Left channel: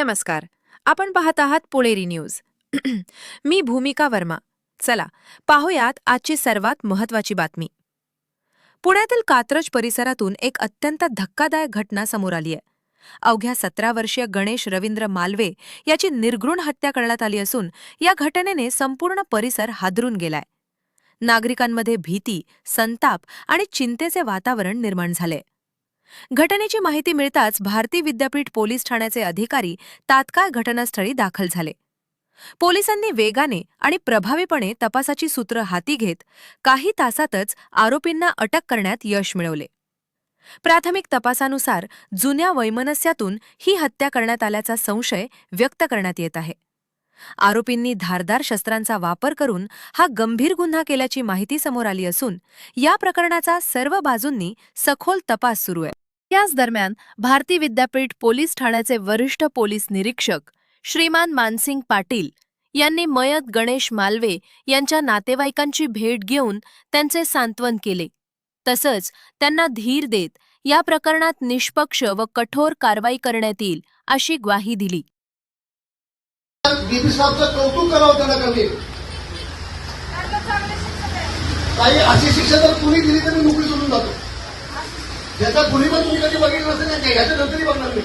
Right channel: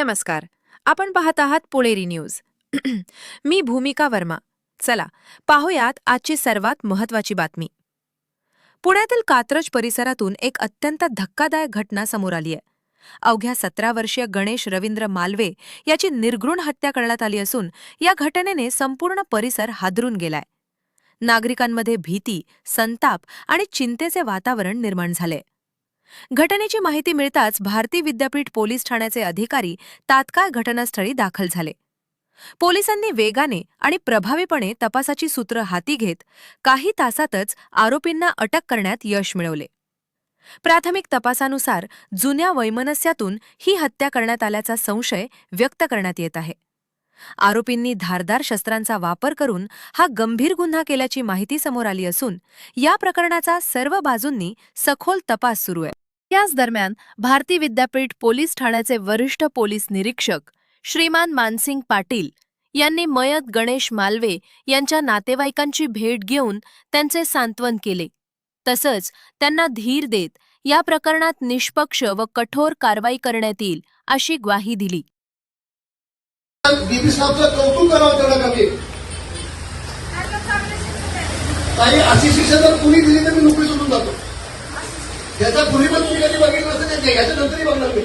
नमस्कार. आपण पाहत आहात पुणेरी न्यूज. मी भूमिका वर्मा. चला पाहूयात आजची सर्वात महत्त्वाची बातमी. पुण्यातील कात्रज परिसरातून एक अत्यंत धक्कादायक घटना समोर आली आहे. अवघ्या 17 वर्षीय गणेश रवींद्र मालवे याची निर्घृण हत्या करण्यात आली असून या घटनेने संपूर्ण परिसर हादरून गेलाय. नागरिकांमध्ये भीती, संताप आणि चिंतेचे वातावरण निर्माण झाले. घटनेची माहिती मिळताच भारती विद्यापीठ पोलीस ठाण्याचे अधिकारी तात्काळ घटनास्थळी दाखल झाले. पोलिसांनी वेगाने आणि प्रभावीपणे तपासाची सूत्र हाती घेत काही तासातच आरोपींना अटक करण्यात यश मिळवले. प्राथमिक तपासानुसार जुन्या वैमनस्यातून ही हत्या करण्यात आल्याचा संशय व्यक्त करण्यात येत आहे. आरोपींनी धारदार शस्त्रांचा वापर करून हा गंभीर गुन्हा केल्याची माहिती समोर आली असून या प्रकरणाचा सर्व बाजूंनी सखोल तपास सुरू आहे. याच दरम्यान भारती विद्यापीठ पोलीस ठाण्याचे वरिष्ठ पोलीस निरीक्षक श्रीमान मानसिंग पाटील यांनी मयत गणेश मालवे यांच्या नातेवाईकांची भेट घेऊन त्यांचे सांत्वन केले. तसंच त्यांना धीर देत या प्रकरणात निष्पक्ष व कठोर कारवाई करण्यात येईल अशी ग्वाही दिली. अशी शिक्षा जर कुणी दिली तर मी नोकरी सोडून जातो. त्याचा कुणी पण तुम्ही कधी बघितलं नसेल, जगाच्या नंतरही बघणार नाही.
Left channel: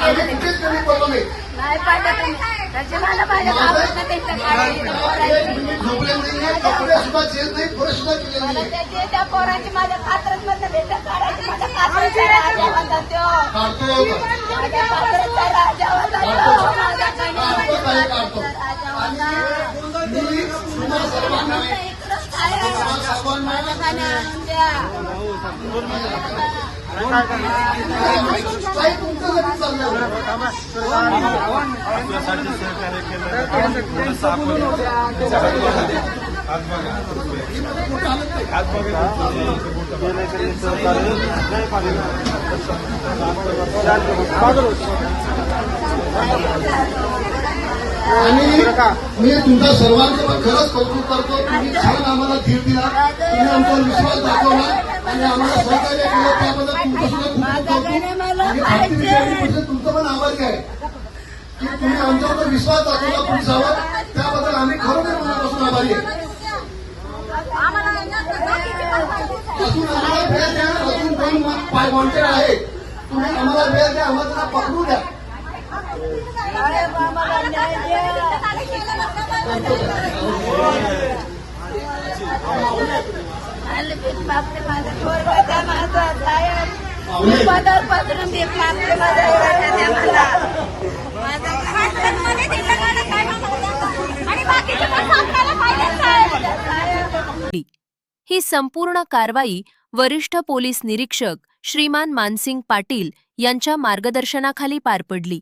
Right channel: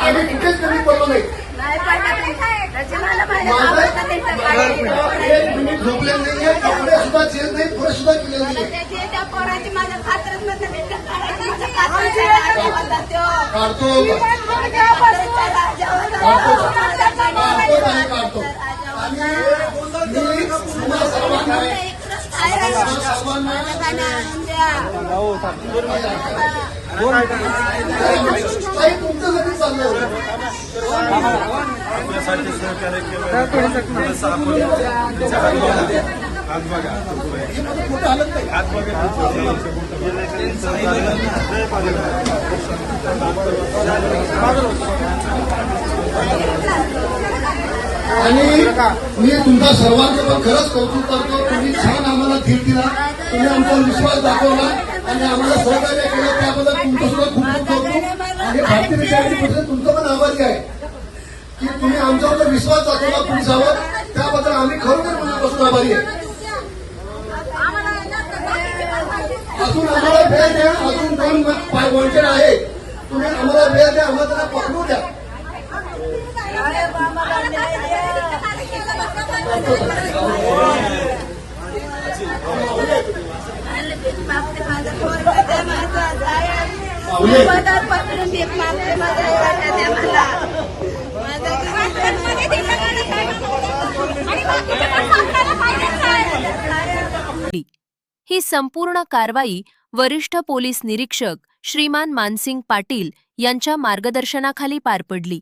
आम्ही कुठेच कमी पडलो नाही. तुम्ही झोपले नाहीये, कपडे सुद्धा चेंज नाही, पुढे सुद्धा केले नाही. आणि मी तुमचा सर्वांचं पण खरंच कौतुक करतो. तुम्ही छान आम्हाला धीर दिला, तुम्ही आमचा विश्वास दाखवला आणि आम्हाला सहकार्य केलं, त्याबद्दल तुमचं सुद्धा खूप खूप कौतुक. आणि भारती विद्यापीठ तुमचं पण आभारी आहे की तुम्ही आमच्याबद्दल विश्वास दाखवला पोलिसावर, त्याबद्दल आम्ही खरोखर मनापासून आभारी आहे. अजून आम्हाला वेळ द्या, अजून 2 वॉन्टेड आहे, तुम्ही आम्हाला वेळ द्या, आम्हाला त्यांना पकडू द्या. ही संपूर्ण कारवाई वरिष्ठ पोलीस निरीक्षक श्रीमान मानसिंग पाटील यांच्या मार्गदर्शनाखाली पार पडली.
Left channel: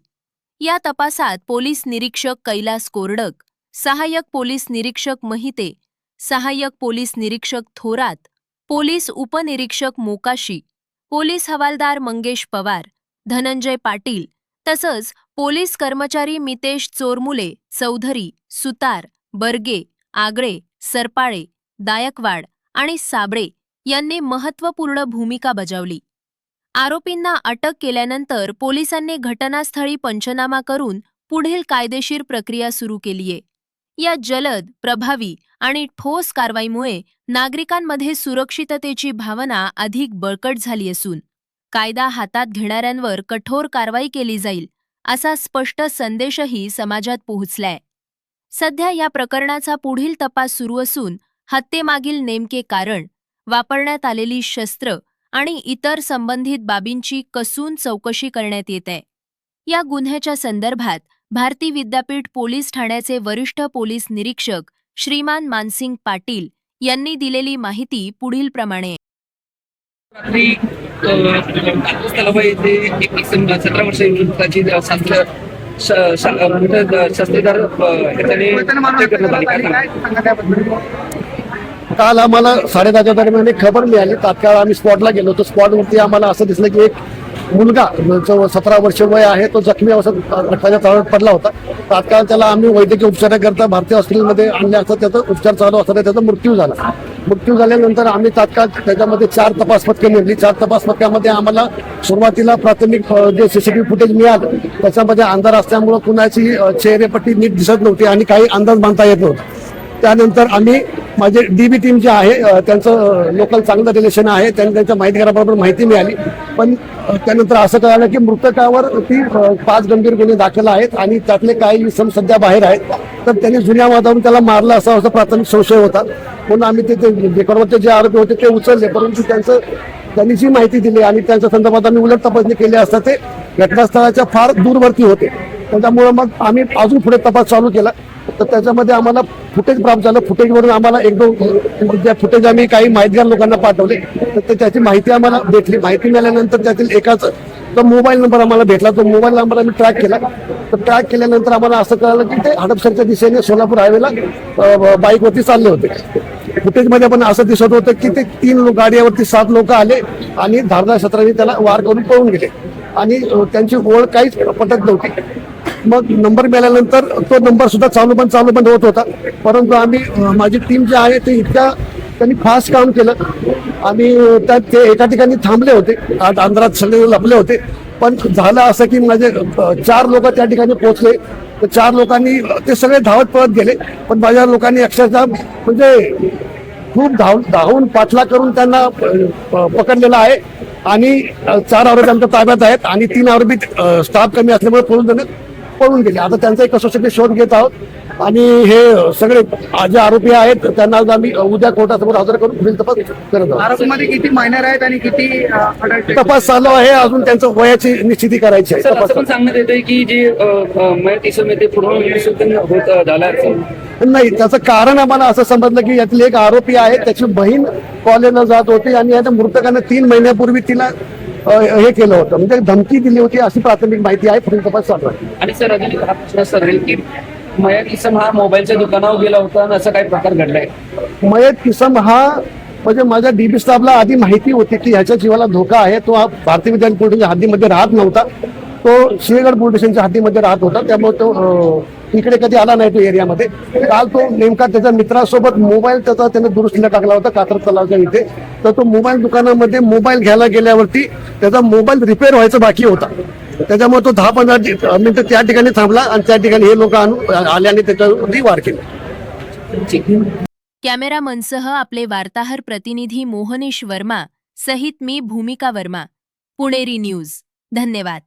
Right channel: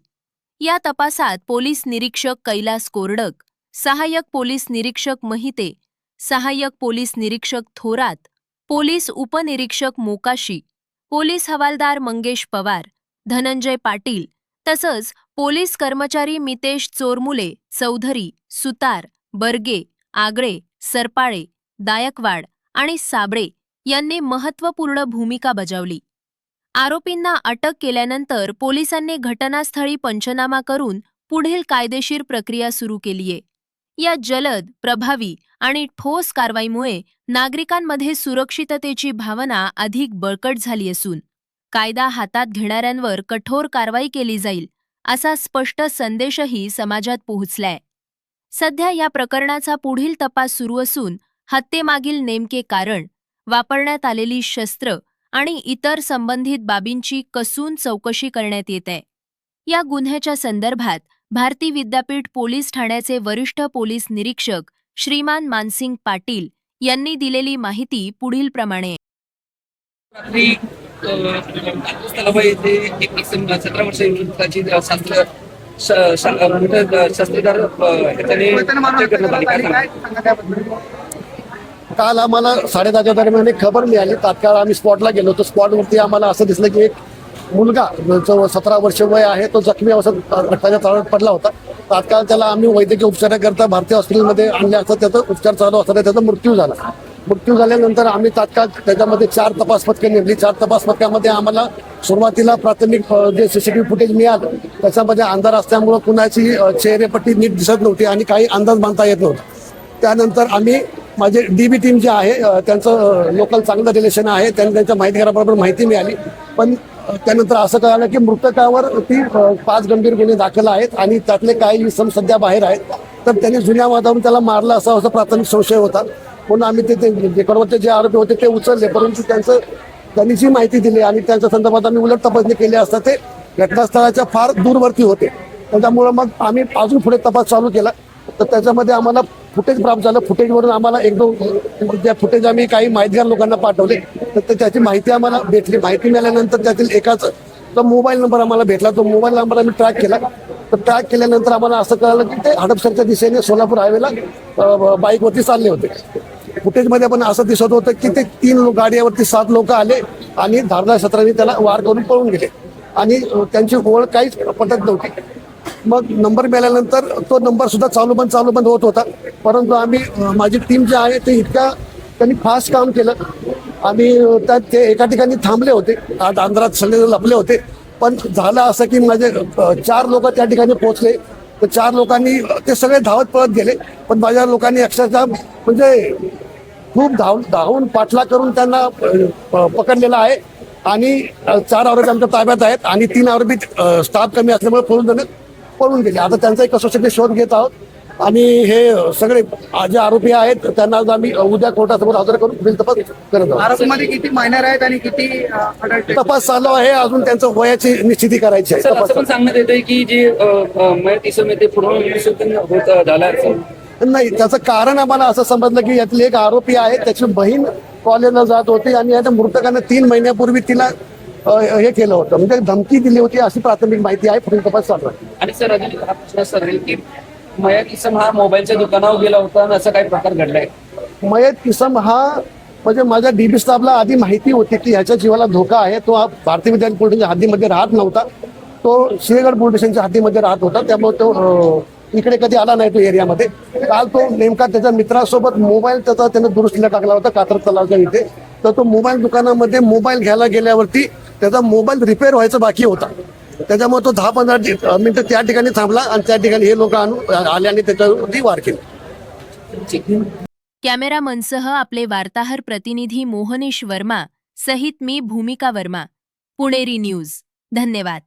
या तपासात पोलीस निरीक्षक कैलास कोरडक, सहाय्यक पोलीस निरीक्षक महिते, सहाय्यक पोलीस निरीक्षक थोरात, पोलीस उपनिरीक्षक मोकाशी, पोलीस हवालदार मंगेश पवार, धनंजय पाटील तसंच पोलीस कर्मचारी मितेश चोरमुले, चौधरी, सुतार, बर्गे, आगळे, सरपाळे, दायकवाड आणि साबळे यांनी महत्त्वपूर्ण भूमिका बजावली. आरोपींना अटक केल्यानंतर पोलिसांनी घटनास्थळी पंचनामा करून पुढील कायदेशीर प्रक्रिया सुरू केलीये. या जलद, प्रभावी आणि ठोस कारवाईमुळे नागरिकांमध्ये सुरक्षिततेची भावना अधिक बळकट झाली असून कायदा हातात घेणाऱ्यांवर कठोर कारवाई केली जाईल असा स्पष्ट संदेशही समाजात पोहोचलाय. सध्या या प्रकरणाचा पुढील तपास सुरू असून हत्येमागील नेमके कारण, वापरण्यात आलेली शस्त्र आणि इतर संबंधित बाबींची कसून चौकशी करण्यात येत आहे. या गुन्ह्याच्या संदर्भात भारती विद्यापीठ पोलीस ठाण्याचे वरिष्ठ पोलीस निरीक्षक श्रीमान मानसिंग पाटील यांनी दिलेली माहिती पुढील प्रमाणे. 17 वर्षे विरुद्धची शस्त्रधार काल आम्हाला 10:30च्या दरम्यान एक खबर मिळाली. तात्काळ आम्ही स्पॉटला गेलो होतो. स्पॉटवरती आम्हाला असं दिसलं की एक मुलगा जो 17 वर्ष वय आहे तो जखमी अवस्थेत रक्ताच्या तळावर पडला होता. तात्काळ त्याला आम्ही वैद्यकीय उपचाराकरता भारतीय हॉस्पिटलमध्ये आणले असता त्याचा उपचार चालू असताना त्याचा मृत्यू झाला. मृत्यू झाल्यानंतर आम्ही तात्काळ त्याच्यामध्ये 4 तपास पथकं नेमली. 4 तपास पथकामध्ये आम्हाला सुरुवातीला प्राथमिक जे सीसीटीव्ही फुटेज मिळालं त्याच्यामध्ये अंधार असल्यामुळे कुणाची चेहरेपट्टी नीट दिसत नव्हती आणि काही अंदाज बांधता येत नव्हता. त्यानंतर आम्ही माझे डीबी टीम जे आहे त्यांचं लोकल चांगलं रिलेशन आहे, त्यांनी त्यांच्या माहितीगाराबरोबर माहिती मिळाली. पण त्यानंतर असं कळालं की मृतकावर 5 गंभीर गुन्हे दाखल आहेत आणि त्यातले काही इसम सध्या बाहेर आहेत. तर त्यांनी जुन्या वादावरून त्याला मारलं असा प्राथमिक संशय होता. म्हणून आम्ही ते रेकॉर्डवरचे जे आरोपी होते ते उचलले, परंतु त्यांनी जी माहिती दिली आणि त्यांच्या संदर्भात आम्ही उलट तपासणी केली असता ते घटनास्थळाच्या फार दूरवर्ती होते. त्याच्यामुळे मग आम्ही अजून पुढे तपास चालू केला. तर त्याच्यामध्ये आम्हाला फुटेज प्राप्त झालं. फुटेजवरून आम्हाला 1-2 ज्या फुटेज आम्ही काही माहितगार लोकांना पाठवले तर त्याची माहिती आम्हाला भेटली. माहिती मिळाल्यानंतर त्यातील एकाच मोबाईल नंबर आम्हाला भेटला. तो मोबाईल नंबर आम्ही ट्रॅक केला. तर ट्रॅक केल्यानंतर आम्हाला असं कळालं की ते हडपसरच्या दिशेने सोलापूर हायवेला बाईकवरती चालले होते. फुटेजमध्ये पण असं दिसत होतं की ते 3 गाडीवरती 7 लोक आले आणि धारदार शस्त्रांनी त्याला वार करून पळून गेले आणि त्यांची ओळख काहीच पटत नव्हती. मग नंबर मिळाल्यानंतर तो नंबर सुद्धा चालू बंद होत होता. परंतु आम्ही माझी टीम जी आहे ते त्यांनी फास्ट काम केलं आणि ते एका ठिकाणी थांबले होते. आज अंधारात सगळे लपले होते. पण झालं असं की माझे 4 लोक त्या ठिकाणी पोहोचले. तर 4 लोकांनी ते सगळे धावत पळत गेले. पण माझ्या लोकांनी अक्षरशः म्हणजे खूप धावून पाठला करून त्यांना पकडलेला आहे आणि 4 आरोपी आमच्या ताब्यात आहेत आणि 3 आरोपी स्टाफ कमी असल्यामुळे पळून गेले. आता त्यांचा कसोशीने शोध घेत आहोत आणि हे सगळे जे आरोपी आहेत त्यांना आम्ही उद्या कोर्टासमोर हजर करून पुढील तपास करत आहोत. आरोपीमध्ये किती मायनर आहेत आणि किती तपास चालू आहे. अजून त्यांचं वयाची निश्चिती करायची आहे. असं पण सांगण्यात येतंय की जे मयत इसम आहे ते पूर्ण होता झाला नाही, त्याचं कारण आम्हाला असं समजलं की यातील एक आरोपी आहे त्याची बहीण कॉलेजला जात होती आणि आता मृतकाने 3 महिन्यापूर्वी तिला हे केलं होतं, म्हणजे धमकी दिली होती अशी प्राथमिक माहिती आहे. पुढील तपास चालू आहे. आणि सर अजून एक प्रश्न सर आहे की मयत इसम हा मोबाईलच्या दुकानावर गेला होता आणि असं काही प्रकार घडलाय. मयत इसम हा म्हणजे माझ्या डीबी स्टाफला आधी माहिती होती की ह्याच्या जीवाला धोका आहे. तो हा भारतीय विद्यालय पोलीस स्टेशनच्या हद्दीमध्ये राहत नव्हता. तो सिंहगड पोलीस स्टेशनच्या हद्दीमध्ये राहत होता. त्यामुळे तो इकडे कधी आला नाही तो एरियामध्ये. काल तो नेमका त्याच्या मित्रासोबत मोबाईल त्याने दुरुस्तीला टाकला होता कातर तलावच्या इथे. तर तो मोबाईल दुकानामध्ये मोबाईल घ्यायला गेल्यावरती त्याचा मोबाईल रिपेअर व्हायचा बाकी होता. त्याच्यामुळे तो 10-15 मिनिटं त्या ठिकाणी थांबला आणि त्या ठिकाणी हे लोक आले आणि त्याच्यावरती वार केले. कॅमेरामनसह आपले वार्ताहर प्रतिनिधी मोहनीश वर्मा सहित मी भूमिका वर्मा, पुणेरी न्यूज. धन्यवाद.